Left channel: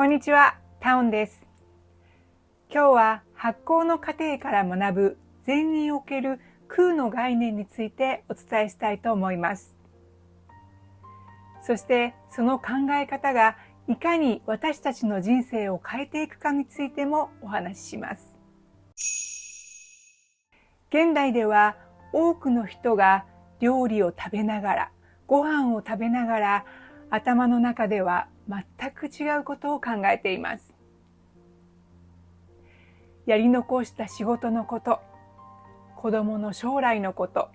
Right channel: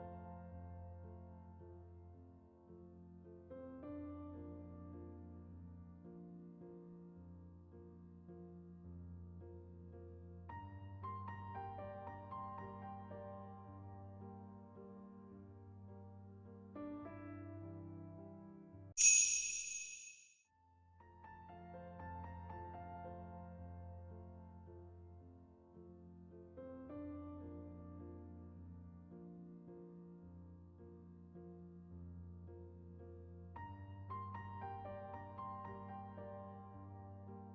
こんにちは、タウンです。今日は発酵の過程から学ぶ禅における空の概念についてお伝えしたいと思います。そしてその考え方がいかに私たちの人生を変えていくかについてもお話しします。現代では多くの人が料理を食べながら、ご飯を食べながら、頭の中では全く違うことを考えています。やり残した仕事のこと、子供の将来のこと、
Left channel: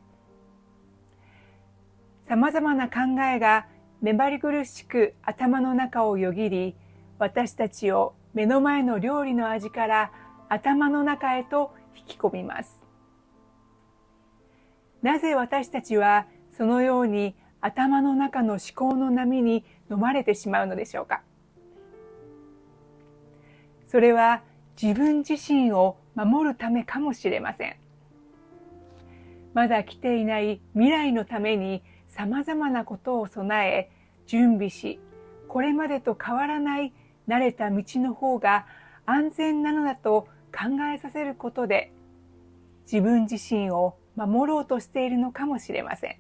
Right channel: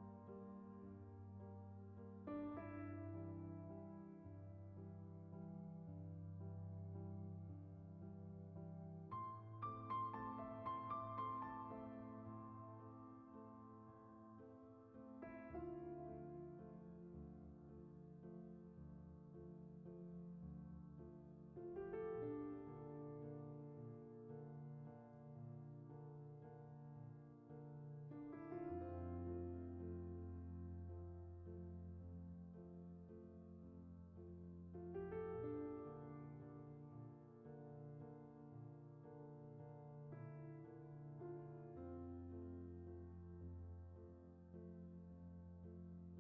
さまざまな考えが目張り苦しく頭の中をよぎり、私たちを目の前の料理の味から頭の中へと引き込みます。なぜ私たちはそのように頭の中の思考の波に飲まれてしまうのでしょうか。それは自分自身を守るためかもしれません。まだ来ていない未来のためにさまざまなことを備え、準備し、これまでと変わらない慣れた道の方が安全なのだと考えさせることで、自分自身を守ろうとしているのかもしれません。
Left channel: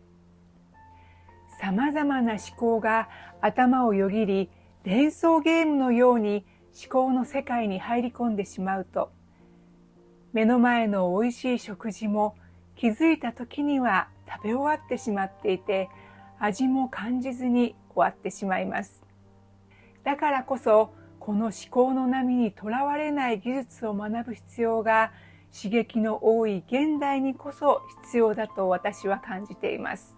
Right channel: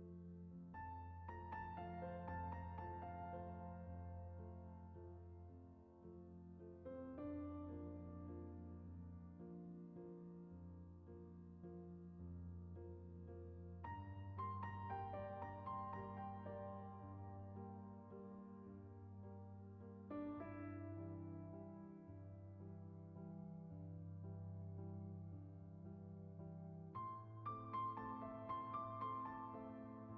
さまざまな思考が頭をよぎり、連想ゲームのように思考の世界に入り込んでしまうと、目の前の美味しい食事も気づいた時には食べ終わってしまっていて、味も感じずに終わってしまいます。だからこそ、この思考の波にとらわれない技術を学ぶ必要が、刺激の多い現代にこそ必要だと私は感じています。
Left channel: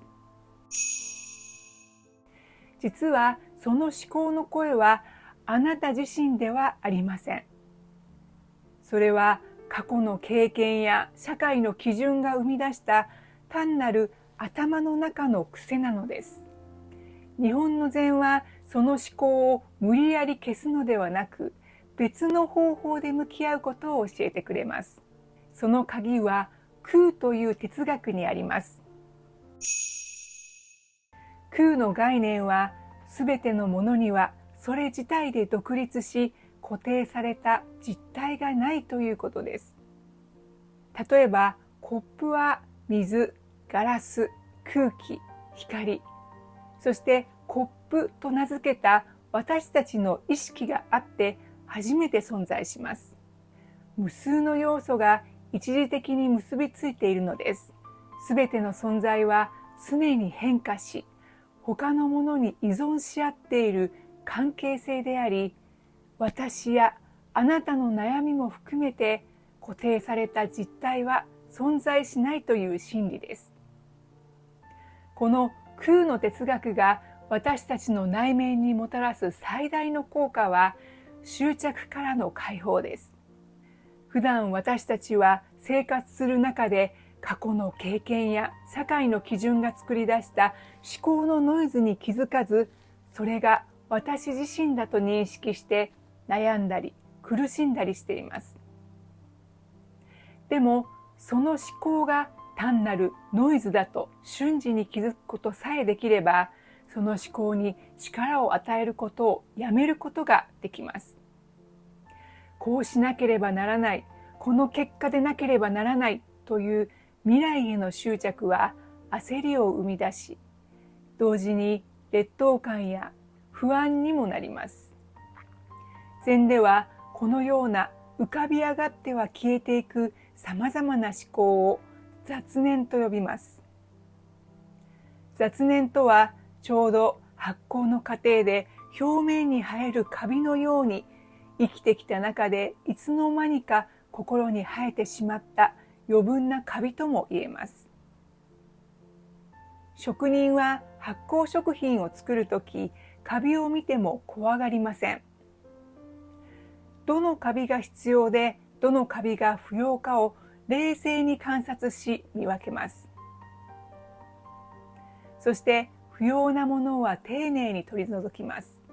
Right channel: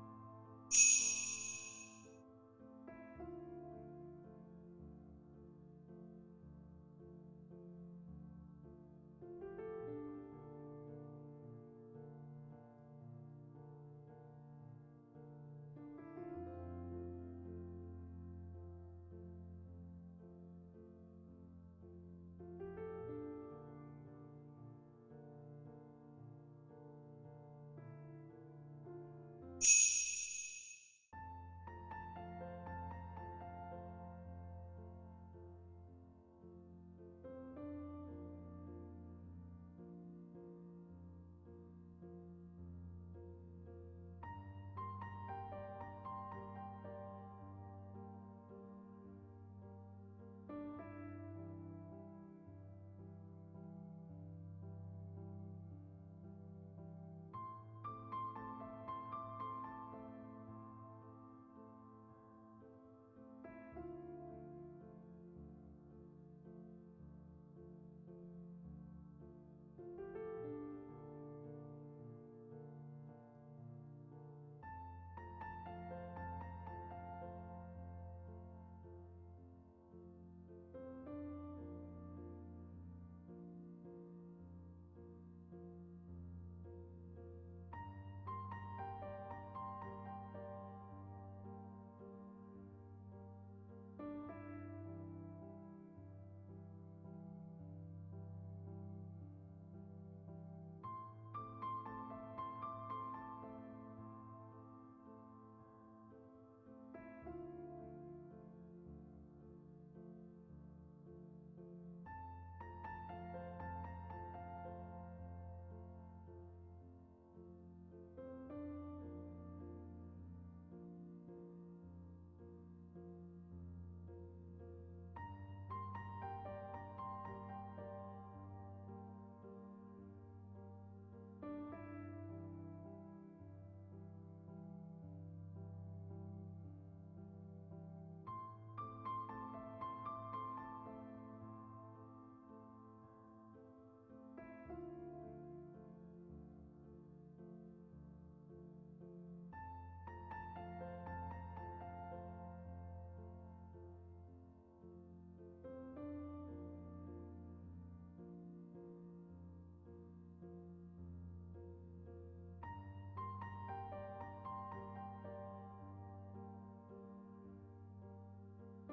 実はその思考の声はあなた自身ではありません。それは過去の経験や社会の基準が生み出した単なる頭の中の癖なのです。日本の禅はその思考を無理やり消すのではなく、別の方法で向き合うことを教えてくれます。その鍵は空という哲学にあります。空の概念はすべてのものにはそれ自体で独立し固定された実体がないということです。例えばコップは水、ガラス、空気、光、そしてコップと名付けた私たちの意識があって初めて存在します。無数の要素が一時的に結びついているのです。すべての存在は常に変化し、他のものに依存し合っている関係性であり、私やあなたの悩みも含めて固定された実体は存在しないという真理です。この空の哲学が私たちの内面にもたらす最大の効果は執着からの解放です。普段私たちは生活する中で過去の経験や社会の基準が作り出した思考のノイズに気づかず、それが私自身だと認識して悩んだり苦しんだりしています。でもその思考が単なるノイズだと瞬時に気づくことさえできれば、その思考に力を与えることをやめることができます。こうしなければならない、この結果でなければならないという未来への執着は焦りを生み出し、同時に劣等感や不安にもなります。禅ではこのような浮かび上がっては消えていくさまざまな思考を雑念と呼びます。雑念とはちょうど発酵の過程で表面に生えるカビのように、生きてきた中でいつの間にか心に生えてしまった余分なカビとも言えます。職人は発酵食品を作るとき、カビを見ても怖がりません。どのカビが必要でどのカビが不要かを冷静に観察し見分けます。そして不要なものは丁寧に取り除きます。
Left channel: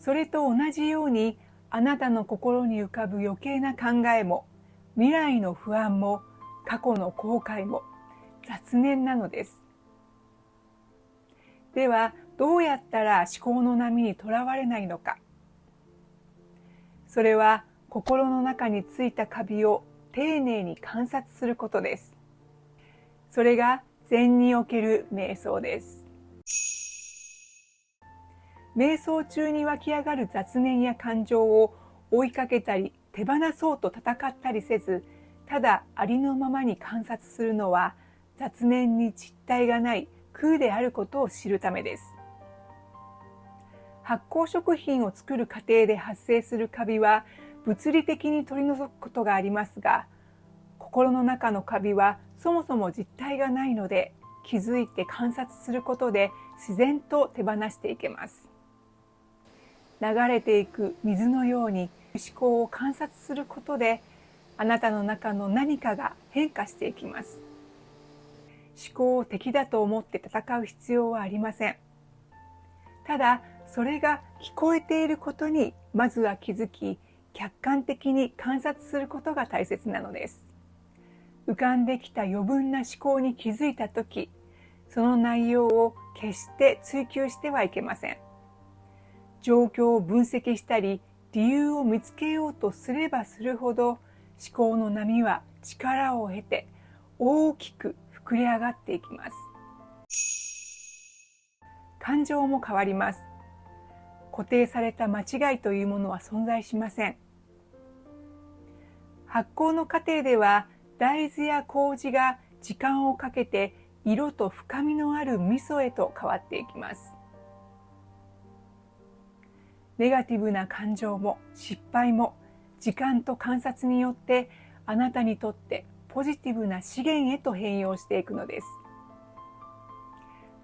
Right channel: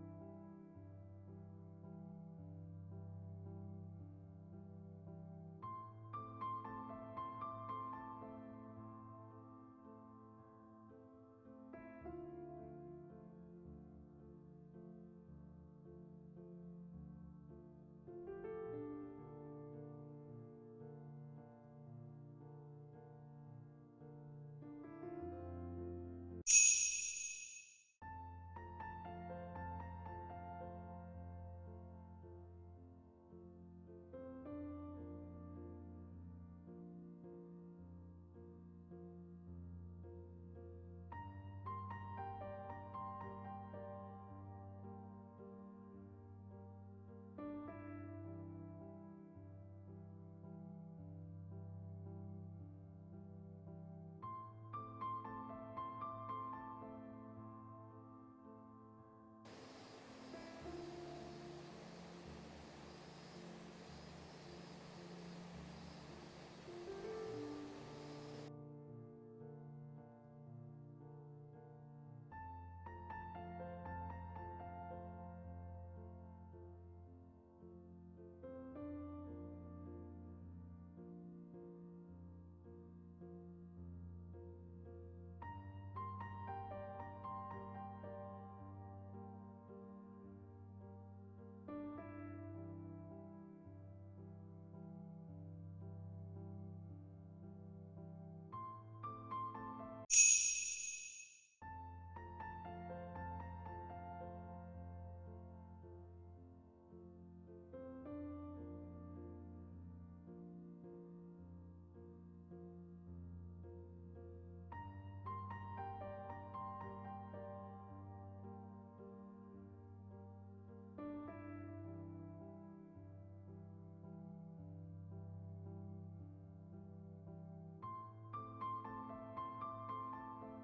それと同じように、あなたの心に浮かぶ余計な考えも未来の不安も過去の後悔も雑念なのです。ではどうやったら思考の波にとらわれないのか。それは心の中についたカビを丁寧に観察することです。それが禅における瞑想です。瞑想中に湧き上がる雑念や感情を追いかけたり手放そうと戦ったりせず、ただありのままに観察するのは雑念に実体がない空であることを知るためです。発酵食品を作る過程で発生するカビは物理的に取り除くことがありますが、心の中のカビはそもそも実体がないので、気づいて観察することで自然と手放していけます。流れていく水のように思考を観察することで、あなたの中の何かが変化していきます。思考を敵だと思って戦う必要はありません。ただ、それが聞こえていることにまずは気づき、客観的に観察することが大切なのです。浮かんできた余分な思考に気づいたとき、その内容を決して追求してはいけません。状況を分析したり、理由を見つけようとすればするほど、思考の波は力を経て大きく膨れ上がっていきます。感情も変わります。固定された間違いというものは存在しません。発酵の過程では大豆や麹が時間をかけて色と深みのある味噌へと変わっていきます。ネガティブな感情も失敗も時間と観察によってあなたにとってポジティブな資源へと変容していくのです。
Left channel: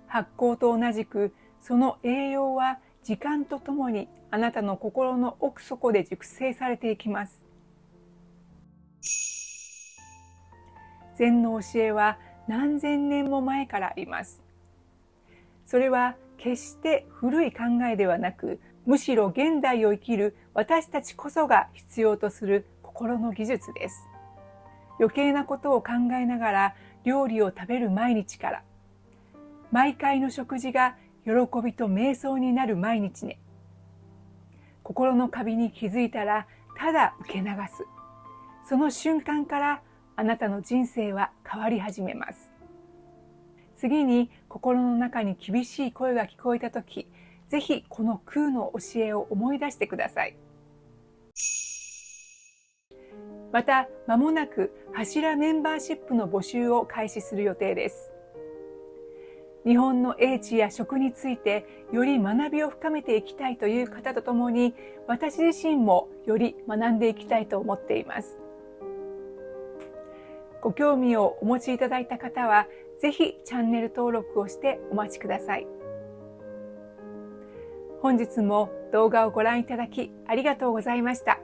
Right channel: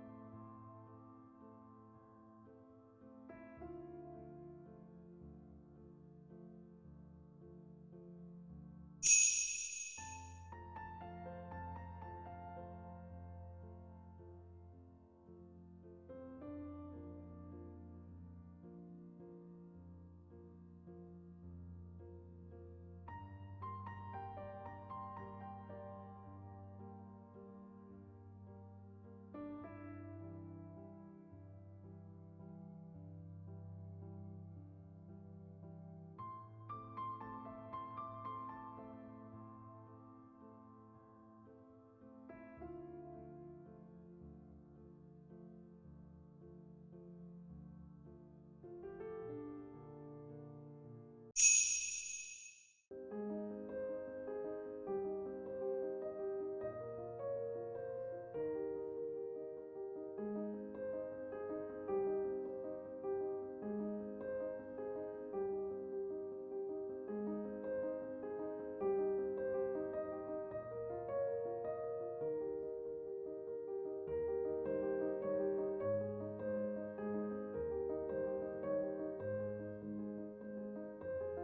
発酵と同じくその栄養は時間とともにあなたの心の奥底で熟成されていきます。禅の教えは何千年も前からあります。それは決して古い考えではなく、むしろ現代を生きる私たちこそが必要とする心の技術です。余計なことを考えながら料理を食べる毎日から、毎回の食事が喜びと瞑想になる毎日ね。心のカビに気づいたらただ受け流す。その瞬間からあなたの人生は変わり始めます。次に心の中に厳しい声が聞こえたとき、ぜひこの空の教えを思い出してください。また、間もなく柱メンバーシップの募集を開始する予定です。日本の英知や食についてより学びを深めていきたいという方とともに、私自身もより学んでいきたいと思っています。ご興味をお持ちいただいた方は、ぜひチャンネル登録をしてお待ちください。本日も動画をご覧いただきありがとうございました。